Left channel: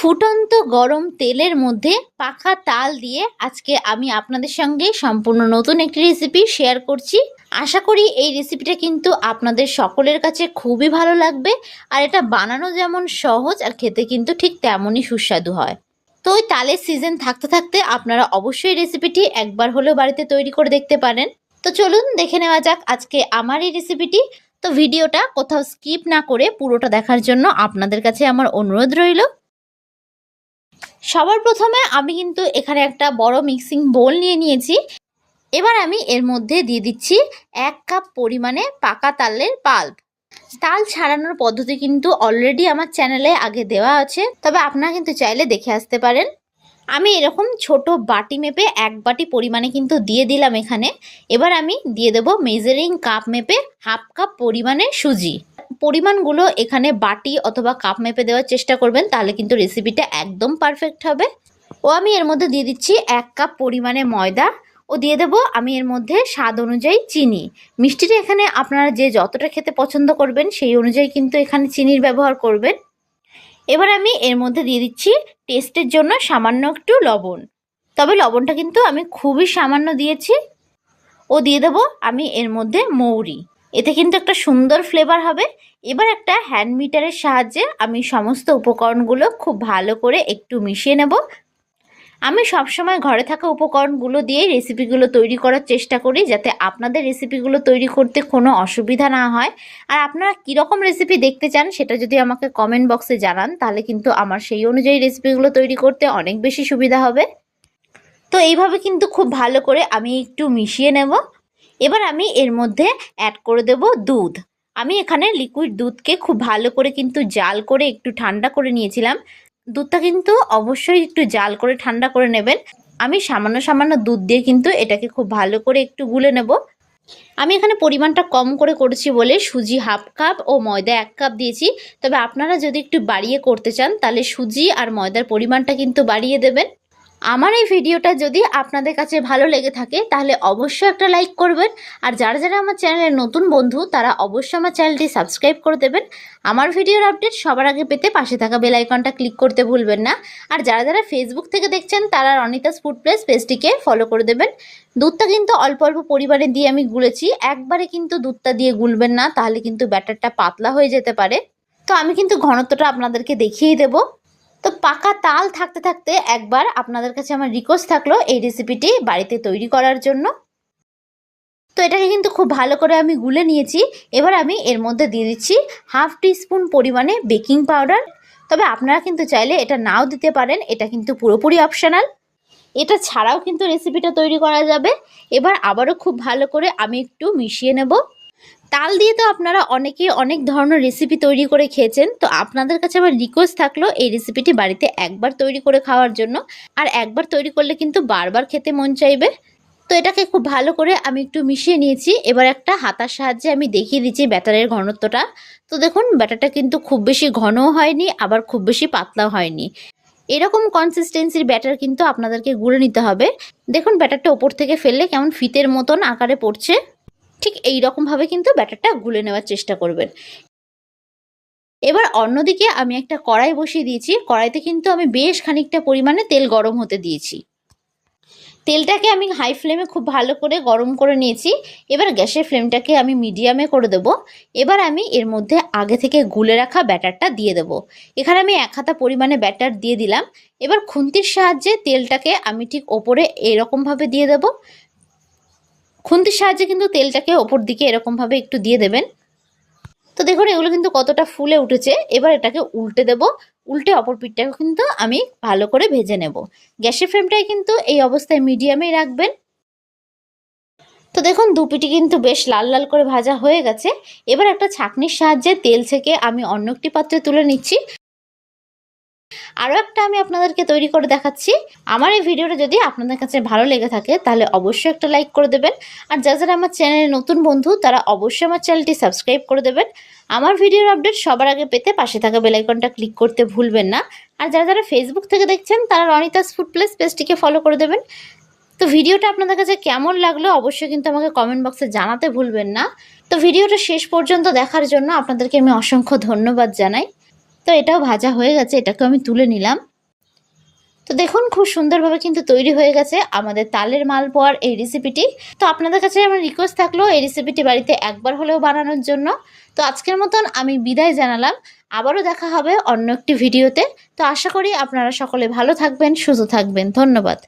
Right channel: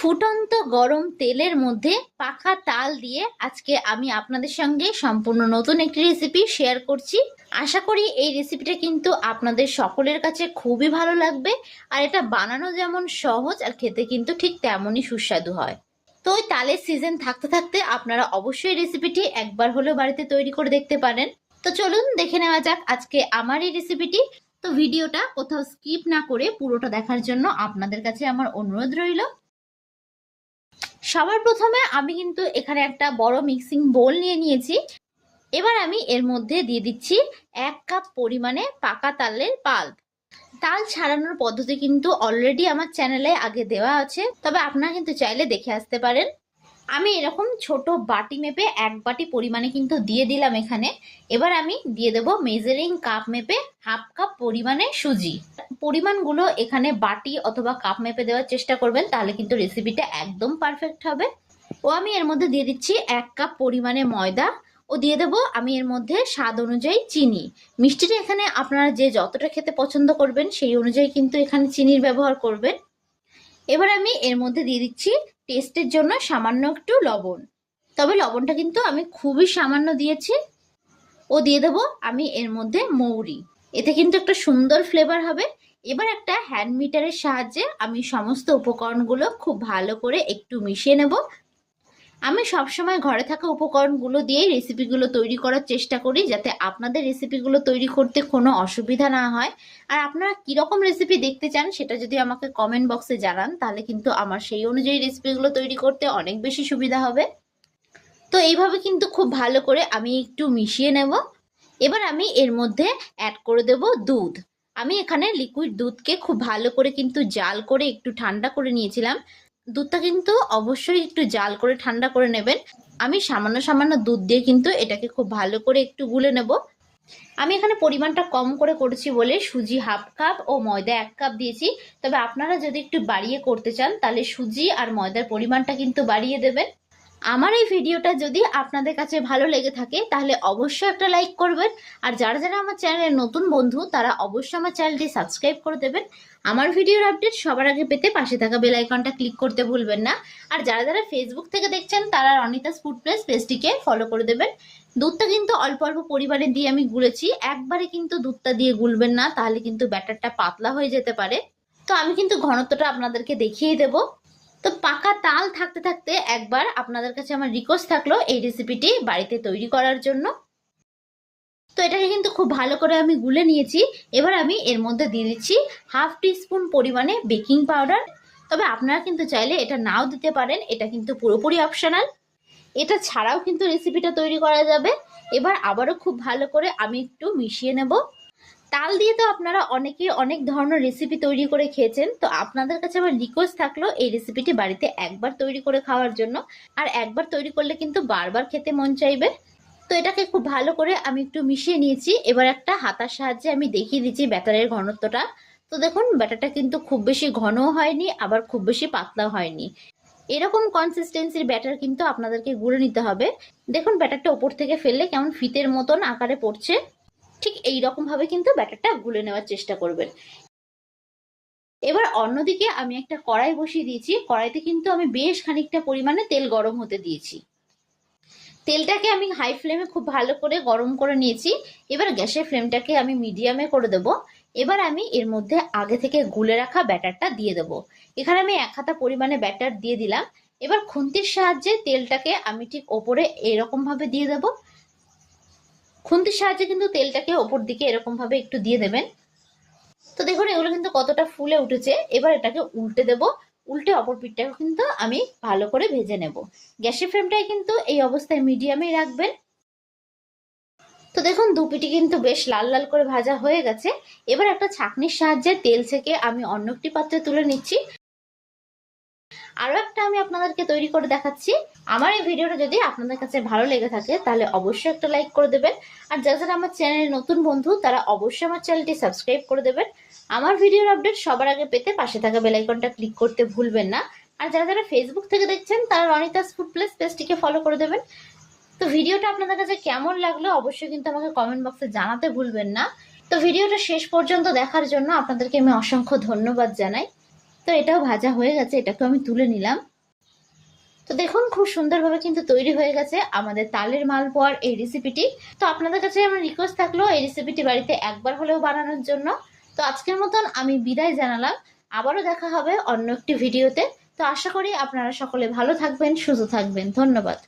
ফুটন্ত গরম তেলের মধ্যে পাখা তাল দিয়ে আজকে আমি আপনাদের সঙ্গে সম্পূর্ণ নতুন একটি রেসিপি শেয়ার করছি। আশা করি এই রেসিপিটা কিন্তু আপনাদের সকলের কাছে খুবই ভালো লাগবে আর এটা বানানো যেমন সহজ আর খেতে কিন্তু ঠিক তেমনই সুস্বাদু হয়। তো ওই তালের সিজন থাকতে থাকতে আপনারা অবশ্যই রেসিপিটি একবার হলেও বাড়িতে তৈরি করে দেখতে পারেন। তো চলুন দেখে নেওয়া যাক আজকে আমার এই রেসিপিটি তো ভিডিওটা কোথাও স্কিপ না করে পুরোটা দেখার জন্য আপনাদের কাছে আমার অনুরোধ রইল। সবার প্রথমে আমি কিন্তু এখানে একটা বড় মিক্সিং বোল নিয়ে নিয়েছি। এবার আমি এর মধ্যে দিয়ে দিচ্ছি এক কাপ পরিমাণে পাকা তালের পাল্প তাল ছাড়ানোর পদ্ধতি কিন্তু অলরেডি আমার চ্যানেলে আগে দেওয়া আছে, তবে আপনারা কিন্তু চাইলে দেখে আসতে পারেন। আমি এরকম ছোট বাটি মেপে এক বাটি পরিমাণে কিন্তু দিয়ে দিলাম এখানে। এবার আমি দিয়ে দেবো মেজারিং কাপ মেপে হাফ কাপ পরিমাণে সুজি। পরিমাণগুলো এখানে বাটি অথবা কাপ মেপে দেওয়ার চেষ্টা করবেন, তাহলে কিন্তু রেসিপিটা একদম পারফেক্ট হবে। ও আমি এর মধ্যে দিয়ে দিচ্ছি এক কাপ পরিমাণে ময়দা। ও দিয়ে দেবো আমি এর মধ্যে স্বাদ অনুযায়ী চিনি। মিষ্টিটা এখানে আপনারা যে যতটা খেতে পছন্দ করবেন, সেই অনুযায়ী কিন্তু এখানে চিনির ব্যবহার করবেন। এবার আমি এর মধ্যে দিয়ে দিচ্ছি টেস্টের জন্য সামান্য একটু লবণ। তবে লবণটা কিন্তু আমি খুবই সামান্য দিয়েছি। ও দিয়ে দেবো আমি এর মধ্যে মৌরি। এতে কিন্তু একটা সুন্দর ফ্লেভার হবে। এবার একটা হ্যান্ড মিটারের সাহায্যে আমি সমস্ত উপকরণগুলো খুব ভালো করে একটু মিশিয়ে নেব। আমি সবসময় ঘরে থাকা উপকরণগুলো দিয়ে রেসিপিগুলো তৈরি করার চেষ্টা করি যাতে আপনাদের রেসিপিগুলো তৈরি করতে কোনো অসুবিধা না হয়। আর আপনারা কীরকম রেসিপি দেখতে চান সেটা যদি আমাকে কমেন্ট বক্সে জানান, তাহলে কিন্তু আমার সেই অনুযায়ী রেসিপিগুলো তৈরি করতে অনেক বেশি সুবিধা হবে। তো এইভাবে কিন্তু খুব ভালো করে আমি একটু মিশিয়ে নেব। এবার আমি এর মধ্যে অ্যাড করে দেব দুধ। আমি এখানে লিকুইড দুধকে খুব ভালো করে কিন্তু জাল করে একটু ঠান্ডা করে নিয়েছিলাম। দুধটা কিন্তু অবশ্যই একটু জাল করে ঠান্ডা করে নেবেন। আমি সামান্য সামান্য দুধ দিয়ে কিন্তু এটাকে খুব ভালো করে একটু গুলে নেব। আমি এখানে পরিমাণটা কম করে করেছি বলে সুজি হাফ কাপ ও ময়দা এক কাপ দিয়েছি। তবে আপনারা যদি একটু বাড়িয়ে করতে চান, তাহলে সুজি আর ময়দার পরিমাণটা কিন্তু বাড়িয়ে দেবেন। আমার এই ভিডিওটা যদি আপনাদের কাছে ভালো লেগে থাকে, তাহলে অবশ্যই একটা লাইক করবেন। আর যারা যারা আমার চ্যানেলের নতুন বন্ধু, তারা অবশ্যই আমার চ্যানেলটি সাবস্ক্রাইব করে দেবেন। আমার ভিডিওর আপডেট সবার আগে পেতে পাশে থাকা বেল আইকনটা ক্লিক করতে ভুলবেন না। আর যারা যারা ফেসবুক থেকে দেখছেন, তারা অনিতাস ফুড প্লেস পেজটিকে ফলো করে দেবেন। দুধটা কিন্তু অল্প অল্প পরিমাণে দিয়ে আমি গুলেছি। একবারে কিন্তু দুধটা দিয়ে গুলবেন না, তাহলে কিন্তু ব্যাটারটা পাতলা হয়ে যেতে পারে। তো আমি কিন্তু ঘনত্বটা আপনাদেরকে দেখিয়েই দেবো। তো পাকা তাল থাকতে থাকতে একবার আপনাদের কাছে আমার রিকোয়েস্ট থাকল এই রেসিপিটি বাড়িতে তৈরি করার জন্য। তো এটাকে কিন্তু খুব ভালো করে আমি গুলে নিয়েছি। এবার আমি এর মধ্যে দিয়ে দিচ্ছি হাফ স্পুন পরিমাণে বেকিং পাউডার। তবে আপনারা কিন্তু চাইলে এটা নাও দিতে পারেন, এটা কিন্তু পুরোপুরি অপশনাল এটা ছাড়াও কিন্তু রেসিপিটা তৈরি করা যাবে। এবার আবারও খুব ভালো করে আমি একটু মিশিয়ে নেব। তাল দিয়ে তো আপনারা অনেকে অনেক ধরনের রেসিপি তৈরি করে খেয়েছেন। তো আপনাদের কাছে আমার রিকোয়েস্ট থাকল এই রেসিপিটি বাড়িতে একবার তৈরি করে খাওয়ার জন্য। আর একবার তৈরি করলে কিন্তু বারবার খেতে মন চাইবে। তো এটাকে খুব ভালো করে আমি একটু মিশিয়ে নিয়েছি। এবার একটা হাতার সাহায্যে আমি দেখিয়ে দিচ্ছি ব্যাটারের ঘনত্বটা। তো দেখুন, ব্যাটারটা কিন্তু খুব বেশি ঘনও হয়নি, আবার খুব বেশি পাতলাও হয়নি। এরকম কনসিস্টেন্সির ব্যাটার কিন্তু আপনাদেরকে গুঁড়ে নিতে হবে। দেখুন, ব্যাটারটা ওপর থেকে ফেললে কেমন ফিতের মতন আকারে পড়ছে। ঠিক এই রকমভাবে কিন্তু ব্যাটারটা গুলে নেওয়ার চেষ্টা করবেন। এবার অন্যদিকে আমি একটা কড়াই বসিয়ে দিয়েছি। কড়াইতে কিন্তু আমি বেশ খানিকটা পরিমাণে তেল গরম হতে দিয়েছি। তেলটাকে আমি হাই ফ্লেমে খুব ভালো করে গরম করে নিয়েছি। এবার গ্যাসের ফ্লেমটাকে আমি মিডিয়ামে করে দেব। এবার আমি এর মধ্যে আগে থেকে গুলে রাখা ব্যাটারটা দিয়ে দেব। এখানে আমি এক হাতা পরিমাণে ব্যাটার দিয়ে দিলাম। এবার খুন্তির সাহায্যে তেলটাকে আমি ঠিক ওপরে এরকমভাবে দিয়ে দেব। খুন্তির সাহায্যে কিন্তু তেলটাকে ওপর দিকে এরকমভাবে একটু দিয়ে দেবেন। তো দেখুন, এগুলো কিন্তু কতটা ফুলে উঠেছে। এবার এটাকে উল্টে দেব। উল্টে অপর পিঠটাকে কিন্তু আমি ভালো করে ভেজে নেব। গ্যাসের ফ্লেমটাই কিন্তু এই অবস্থায় মিডিয়ামেই রাখবেন। তো দেখুন দুপিটি কিন্তু বেশ লাল লাল করে ভাজা হয়ে গেছে। এবার একটা ছাঁকনির সাহায্যে তেল থেকে আমি অন্য একটি পাত্রে তুলে নিচ্ছি। আরও একটা আমি আপনাদেরকে তৈরি করে দেখাচ্ছি। আমার এই ভিডিওটা যদি আপনাদের কাছে ভালো লেগে থাকে, তাহলে অবশ্যই একটা লাইক করে দেবেন। আর যারা যারা আমার চ্যানেলে নতুন বন্ধু, তারা অবশ্যই আমার চ্যানেলটি সাবস্ক্রাইব করে দেবেন। আমার ভিডিওর আপডেট সবার আগে পেতে পাশে থাকা বেলাইকনটা ক্লিক করতে ভুলবেন না। আর যারা যারা ফেসবুক থেকে দেখছেন, তারা রনিতাস ফুড প্লেস পেজটিকে ফলো করে দেবেন। তো ভিডিওটা আপনাদের কাছে কেমন লাগল, অবশ্যই কিন্তু আমাকে কমেন্ট বক্সে জানাতে ভুলবেন না। তো ভিডিওটা শেষ পর্যন্ত দেখার জন্য আপনাদেরকে আমি অসংখ্য ধন্যবাদ জানাই। তো এটাও ভাজা হয়ে গেছে এটাকে আমি তুলে নিলাম। তো দেখুন, খুব সুন্দরভাবে কিন্তু তৈরি হয়ে গেছে আমাদের তালের মাল মালপোয়ার এই রেসিপিটি তো আপনাদের কাছে আমার রিকোয়েস্ট থাকল এই রেসিপিটি বাড়িতে একবার হলেও বানানোর জন্য। তো আজকের মতন আমি বিদায় জানালাম। আবারও দেখা হবে অন্য একটি ভিডিওতে তো আশা করি আপনারা সকলে ভালো থাকবেন, সুস্থ থাকবেন। ধন্যবাদ।